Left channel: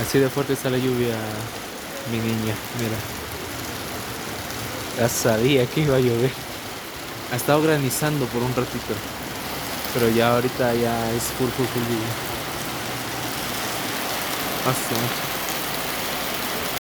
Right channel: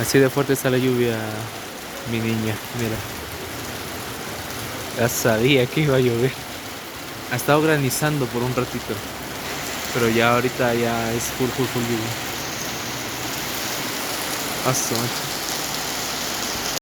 Así de fuerte está la lluvia, mi niña, mira. Ya sabía que iba a llover. Ha estado granizando por un ratito, pero ya ahorita ya es full lluvia. Paso, macho.